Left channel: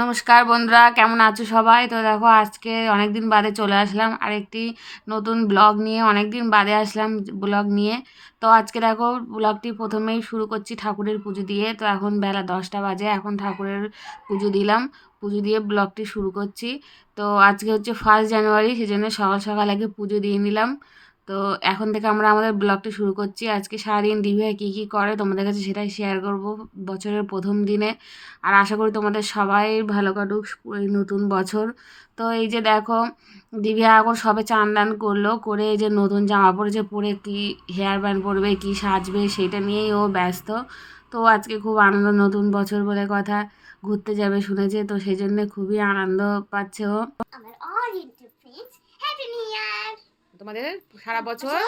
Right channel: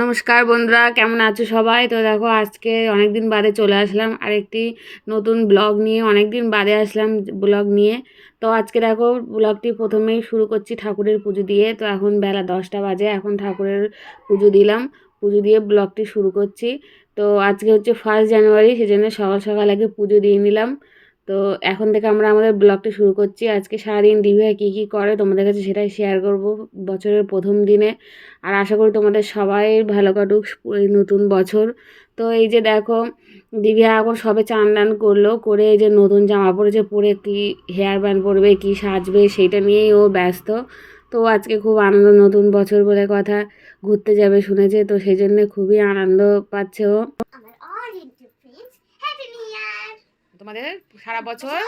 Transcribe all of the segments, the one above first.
নমস্কার বন্ধুরা, কেমন আছো সবাই? তো দেখো, আজকে অনেক দিন বাদে চলে আসলাম আর একটি নতুন ব্লগ নিয়ে অনেক দিন বাদে আসলাম ব্লগ নিয়ে। তো আজকে দেখো, ব্লগটি প্রথমেই শুরু করছি ঠাকুরের পুজো দিয়ে। তো এখন বেলা দশটা বাজে, এখন ঠাকুরের পুজো দিলাম। পুজো দিয়ে ব্লগটি শুরু করছি। তো আজকে হচ্ছে ফার্স্ট জানুয়ারি সেজন্য সকাল সকাল আগে পুজো দিয়ে নিলাম। তো এখন থেকে আমরা আমাদের ব্লগটি শুরু করছি। আজকে সারাদিন দিভে কী কী করে তোমাদের কাছে সেটাই শেয়ার করব বছরের প্রথম দিনে। আর আশা করি তোমাদের সবাই ভালো কাটুক এই নতুন বছর। তো এই যে দেখো দিভিয়া এখন সবে চান দান করল করে এই যে নতুন জামা পরেছে, পরে কী হেয়ার ব্যান্ড পরবে, কি সাজবে সেইটা নিয়েই ও ব্যস্ত। তো আজকে খুব আনন্দ, নতুন বছর বলে কথা। ঘুরতে যাবে শুনেছে, তো সেই জন্য খুবই আনন্দ পাচ্ছে ও আমার all inter friends happy new year তোমাদের সারা বছর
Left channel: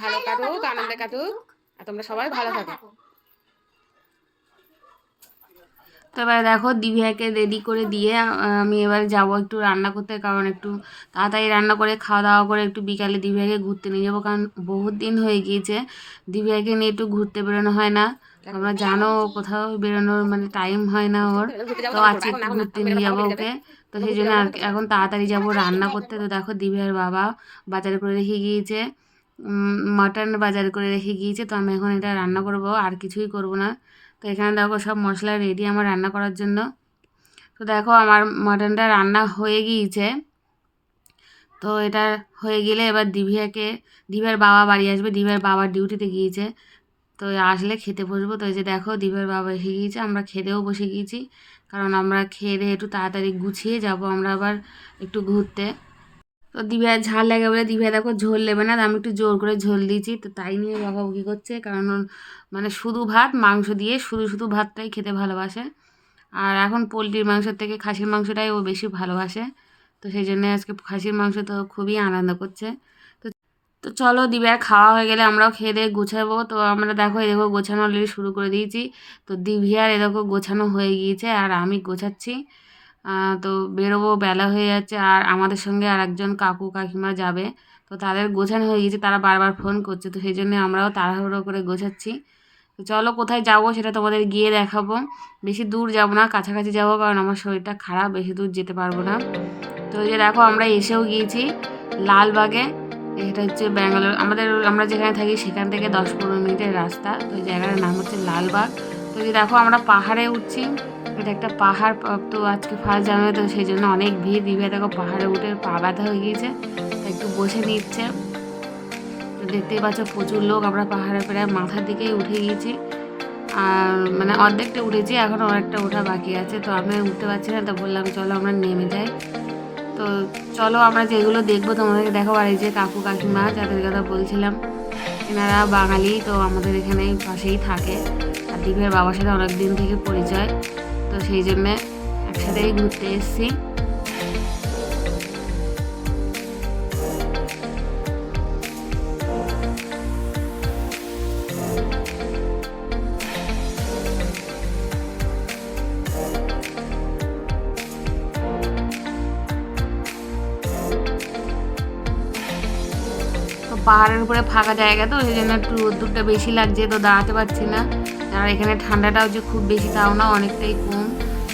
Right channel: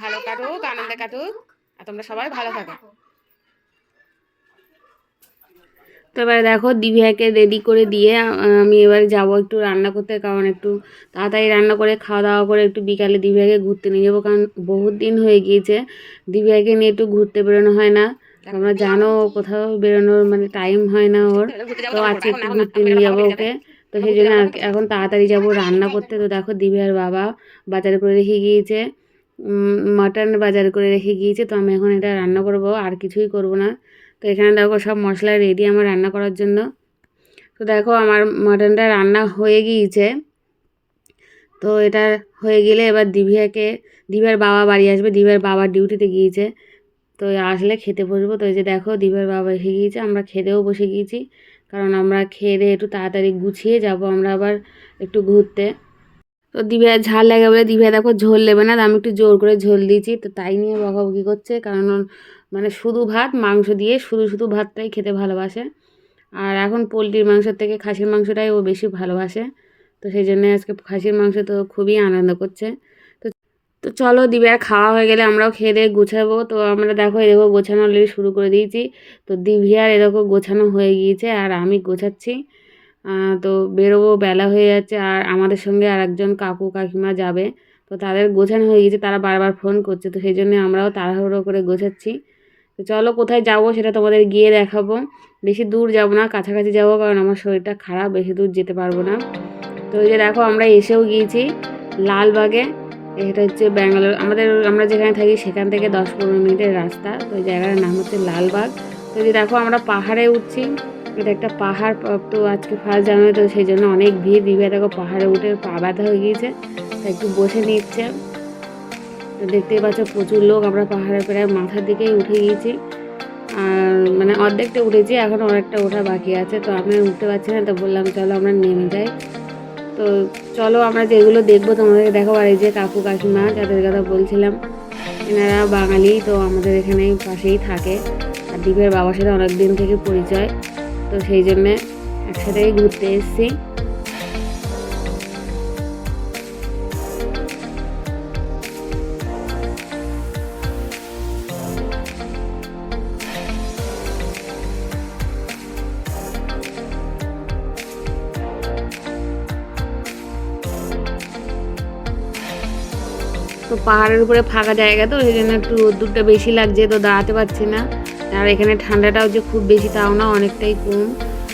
ভালো কাটুক আনন্দে কাটুক আর তোমরা সবাই ভালো থাকো। তো এবারে দেখো দিভিয়াকে রেডি করে দিয়ে আমি এবারে যাব একটু রান্না করতে কারণ একটু তাড়াতাড়ি রান্না করে খাওয়া দাওয়া করে একটু বিকালে দিভিয়াকে ঘুরতে নিয়ে যাব কারণ বহুত দিন হয়ে গিয়েছে। দিভিয়াকে নিয়ে একটু ঘুরতে বেরোনো হয় না। তোমরা জানো ও কোথাও বেরোনোর মানে টাইম হয় না ওর। তো আজকে একটু ঘুরতে নিয়ে যাব ওকে। তো সেই জন্য আর- এখন তাড়াতাড়ি যাব রান্না করতে। তো দেখো দিভিয়ার বাবা বাজার করে রেখে গিয়েছে। মাটন বাজার করে রেখে গিয়েছে। তো আমি এখন এটা রান্না করব আর কিছুই করব না। তো এখানে দেখো সব মশলা রেডি আমার রান্না করার জন্য। তো দেখো আমার মাটনটা রান্না হয়ে গিয়েছে। তো এটা হয়ে গেলে এবার দিভিয়াকে দিভার বাবা বাড়ি আসবে। দিভার বাবা ডিউটিতে গিয়েছে। তো আসলে খেতে বসবো। তো এই যে দেখো দিভার বাবা এসে গিয়েছে। আমরা খেতেও বসে গিয়েছি। কারণ আমরা খেয়ে দিয়ে একটু তাড়াতাড়ি গুছিয়ে যাব, আমরা আবার একটু ঘুরতে। তো দিভিয়া ঝাল লাগে বলে দিভিয়া দেখো ঝোল নেবে না আমি একটু জোর করে ঝোল দিয়েছি। তো তাই নিয়ে বকাবকি করছে, কারণ মানে শুধু ভাত, মাংস দিয়ে শুধু শুধু ভাতটাই খেতে ভালোবাসে। আর এখন পোলট্রির মাংসের থেকে খাসির মাংসটাই ও বেশি ভালোবাসে। তো সেই জন্য আজকে খাসির মাংস তো খুবই আনন্দ করছে। তো চলো দিবিয়ার খাওয়া হয়ে গেলে আমরাও খেয়ে দিয়ে গুছাবো। তো আমরা দেখো, এই দেখো গোছানো অলরেডি শুরু করে দিয়েছি। তো দিভিয়ার এ দেখো গোছানো হয়ে গিয়েছে, আর আমি গোছাচ্ছি। তো বেরোবো, বেলা হয়ে যাচ্ছে, আর আমাদের সঙ্গে আর একজন কাকু কাকিমা যাবে। তো তাদের গোছানো হয়ে গিয়েছে, তারা বারবার ফোন করছে, তো সেই জন্য আমরাও তাড়াহুড়ো করে গোছাচ্ছি। তো চলো, কোথায় যাব সেটা তোমাদের গিয়ে দেখাবো। বেশি দূর যাব না, কাছাকাছি যাব, কারণ আমার শরীরটা খারাপ, বেশি দূর যেতে পারব না। তো এই যে দেখো, আমরা এসেও গিয়েছি লালবাগে। এটা হচ্ছে ব্যাঙ্গালোর। আমাদের, আমরা যেখানে থাকি সেখান থেকে দশ পনেরো মিনিটের রাস্তা। তো এই জায়গাটার নাম হচ্ছে লালবাগ। তো যে দেখো, আমরা পাহাড়ে উঠছি। এটা একটা পাহাড় তো আজকে ফার্স্ট জানুয়ারি, তো সেই জন্য অনেক ভিড়। দিবে দেখো, পাহাড়ে উঠে পা ব্যথা হয়ে গিয়েছে। তাই একটু বসে নিচ্ছে। তো দেখতেই পাচ্ছ, প্রচুর লোক। আমরা পাহাড়ে প্রায় মাথার দিকেই উঠে গিয়েছি। আর মানে অর্ধেকটা উঠেছি, এখন অনেকটা ওঠা বাকি আছে। তো আমি উঠতে পারছি না, তো বললাম, চলো আমরা নেমে যাই। তো চলো আমরা যেগুলো দেখব তোমাদেরকে দেখো আর এই যে কাকু কাকিমা, যাদের কথা বলছিলাম, এনারা বাঙালি, তো আমাদের এখানে পাশেই থাকে। আর দ্বীপের বাবার সাথে অনেক দিন থেকে পরিচয়, তো সেই জন্যে একসাথেই ঘুরতে এসেছি। তো পাহাড়ের উপরে ফাঁকা জায়গা তো, সেই জন্য একটু রোদ্দুরটা বেশি লাগছে, তো দাঁড়াতে পারছি না। আর এখানে ঠান্ডাটাও যে খুব বেশি, তাও না অনেকটাই কম।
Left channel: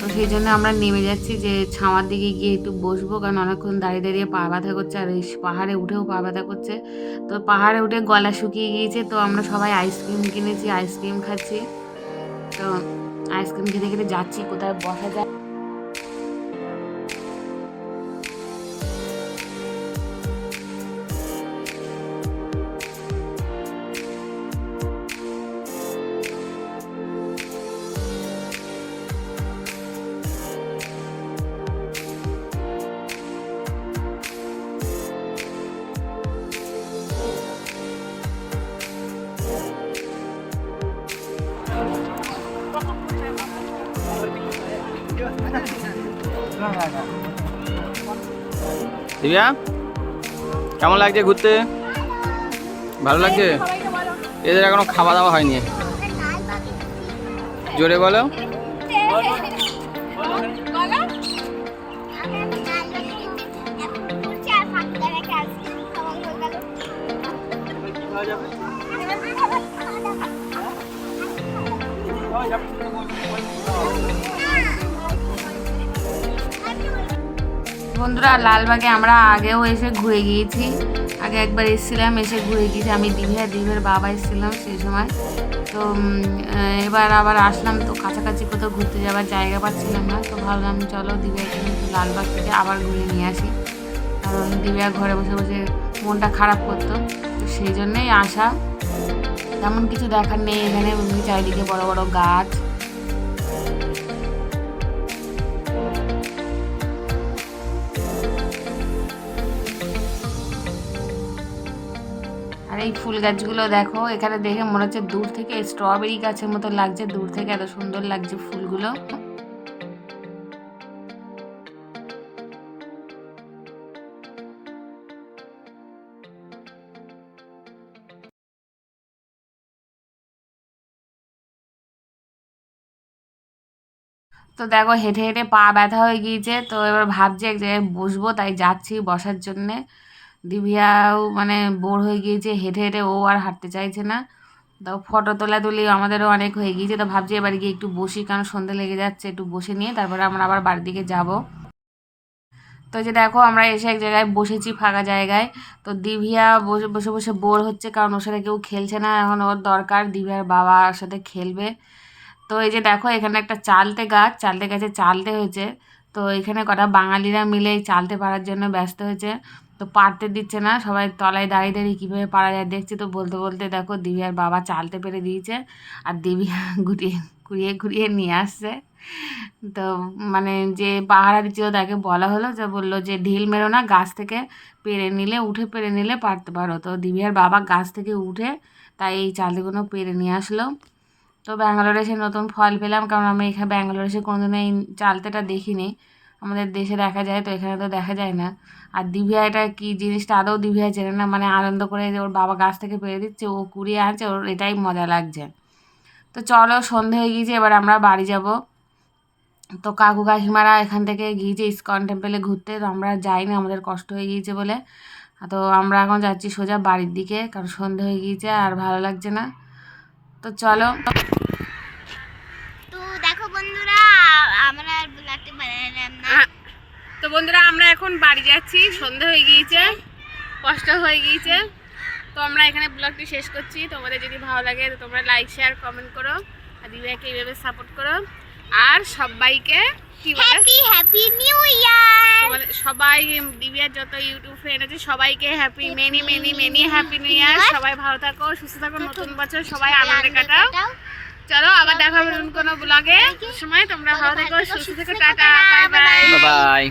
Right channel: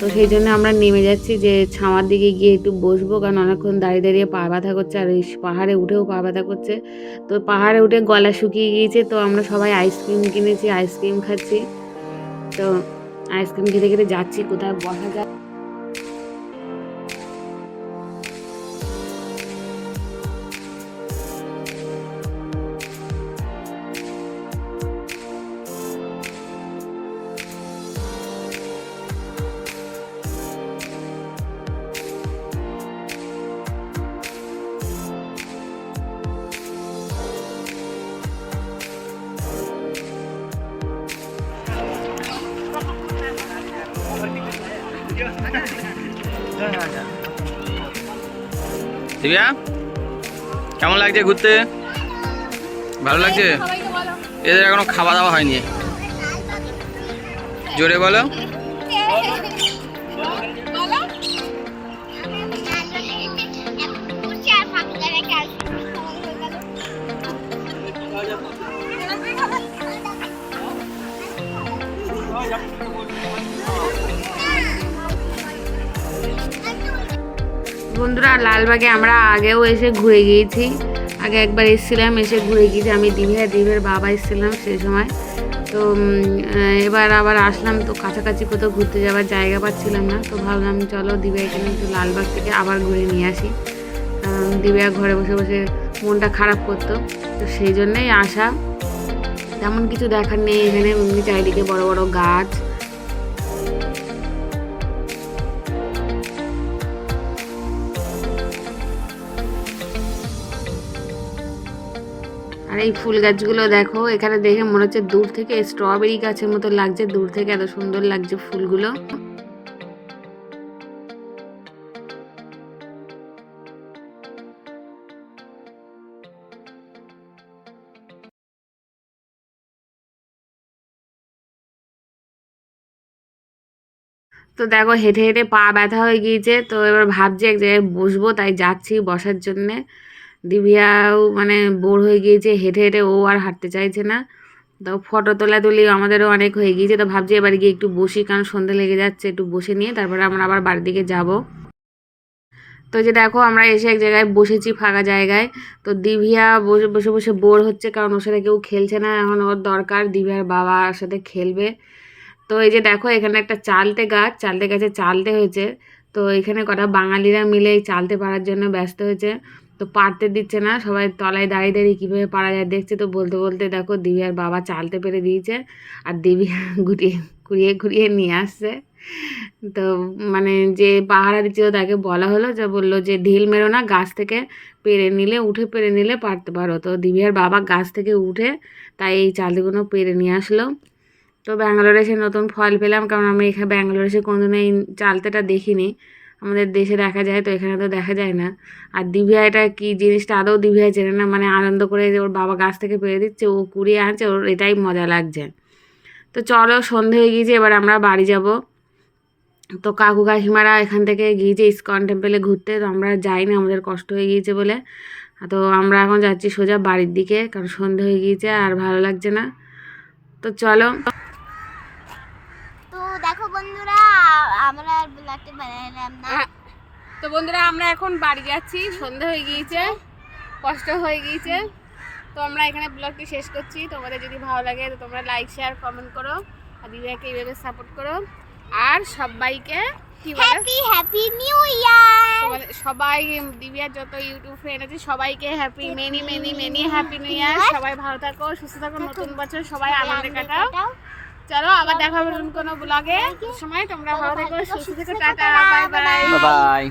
তো সেই জন্য আমরা নেমে যাচ্ছি যে ছাওয়ার দিকে গিয়ে একটু বসবো, কারণ অনেকক্ষণ দাঁড়িয়ে দাঁড়িয়ে পা ব্যথা করছে, আর এই পাহাড়ে উঠেও পা ব্যথা করছে। তো পাহাড়ে উঠে গলা শুকিয়ে গিয়েছে, তো আমরা সবাই আইসক্রিম কিনেছি, আইসক্রিম খাচ্ছি। তো আইসক্রিম খেতে খেতে যাচ্ছি, কোথায় বসা যায়। দিব্যা কেমন লাগছে ঘুরতে? ভালো লাগছে? এদের এখনও খাওয়া দাওয়া হয়নি। জোরে বলো। বন্ধুরা, লালবাগে আমরা আগেও এসে ঘুরে গিয়েছি। আগে একবার এসেছিলাম, এসে ঘুরে গিয়েছি। আমি দিঘা দিঘের বাবা এসেছিলাম সেই সময়। তো এবার আবার আসলাম, তো কাছাকাছি কোথাও ঘুরতে যাওয়ার জায়গা পাচ্ছিলাম না। তো ভাবলাম, চলো দিঘা এখানে একটু লালবাগ থেকে আবার ঘুরে নিয়ে আসি। কারণ দিব্যা ঘরে বসে বসে মনটা খারাপ করতো। তো সেই জন্যই আসা। তেমন কিছু দেখার নেই এখানে, এমনি চারিদিকে বড় বড় গাছ। এই ফুল গাছগুলো দেখো, এখানে দেখে মনে হচ্ছে দূর থেকে স্ট্রবেরি গাছের মতো লাগছে, দূর থেকে এত সুন্দর লাগছে ফুলগুলো। তো দেখো হেঁটে হেঁটে পা ব্যথা হয়ে গিয়েছে, তো এবার ভাবছি এক জায়গায় বসবো, তাই যাচ্ছি বসার জন্যে। দিবিয়াও মানে বোর হয়ে গিয়েছে, হেঁটে হেঁটে ও আর হাঁটতে চাইছে না। তো ফটো তোলা তুলি আমাদেরও অনেক হয়ে গিয়েছে, তো ভাবছি এবার গিয়ে একটু বসি, কারণ সন্ধে লেগে যাচ্ছে, একটু বসে নিয়ে তারপরে আমরা আবার বাড়ির দিকে যাব। তো যে দেখো, আমরা এসে এক জায়গায় বসেছি ফাঁকা জায়গায়। তো দিভিয়া বসে বসে বসে বোর হচ্ছে, কারণ ওর সাথে কেউ খেলছে না, এখন ওর দরকার দিভিয়ার বাবার সাথে খেলবে। তো এই যে দেখো, এখানে একটা চালতে গাছ, চালতে গাছে চালতে হয়েছে। তো এখানে কটা বাঙালিরা মিলে এই চালতে পারার জন্য ব্যস্ত হয়েছে। তো পারতে দিচ্ছে না, সবাই তলায় দাঁড়িয়ে দাঁড়িয়ে কীভাবে পারা যায় দেখছে তো বলতে বলতে দেখো দিবিয়ার বাবা চালতে পেরে দিয়েছে আর দিবিয়া ঘুরিয়ে ঘুরিয়ে ঘুরিয়ে নিয়ে আসছে। তো মানে যে পাহারা দিচ্ছিল তাকে বলা হলো যে বলল যে ঢিল মেরো না, গাছ থেকে পেরে নিলে, উঠে পেরে নিলে পারতে পারো। তো দিবিয়ার বাবা গাছ থেকে উঠে তাই এই চালগুলো পেরে নিয়ে আসলো। তো ব্যাঙ্গালোরে এসে নতুন ফল পেলাম, কারণ আমি এখানে ব্যাঙ্গালোরে এসে কোনোদিনও এই চালতেটা দেখিনি। আমাদের দেশে দেখা যায়, তো এখানে তো দেখা যায় না। আর দিভিয়া এটা কি জিনিসটা আদৌ দিভিয়া চেনে না মানে আনন্দ করে যে ওর বাবা গাছ থেকে পেরে দিচ্ছে, ও কুড়িয়ে আনছে, ওর এটাই মজা লাগছে। তো চলো, সন্ধে হয়ে গিয়েছে, এবার আমরা বাড়ি যাব। তো কাকু কাকিমারা এখান থেকে গিয়েছে ইস্কন টেম্পেলে ঘুরতে, তো আমরা যাইনি, আমাদের কষ্ট হয়ে গিয়েছে বলে। তো আমরা এখন যাচ্ছি সোজা বাড়ির দিকে, কারণ সন্ধে হয়ে গিয়েছে আর ভালো লাগছে না। তো চলো। তো দেখো বন্ধুরা আমরা আর ব্লগটি বানালাম না। তো বন্ধুরা আমরা এখন বাড়ি যাচ্ছি। সন্ধে হয়ে গিয়েছে কষ্ট হয়ে গিয়েছে। তো আমরা এখানে ব্লগটি শেষ করছি। তোমাদের যদি ভালো লাগে তো তোমরা লাইক শেয়ার কমেন্ট করো। আর দিদাকে এইভাবে সাপোর্ট করো। আর সবাইকে কি বলে? হ্যাপি হ্যাপি নিউ ইয়ার সবাই দিবিয়ার যত ইউটিউব ফ্রেন্ড আছে সবাইকে happy many many many happy new year সবাই ভালো থাকো সুস্থ থাকো নতুন বছর সবাই আনন্দে কাটাও। চলো আবার দেখা হবে কোন কোনো ব্লগে সময় তোমরা ভালো থেকো সুস্থ থেকো টাটা বাই বাই বাই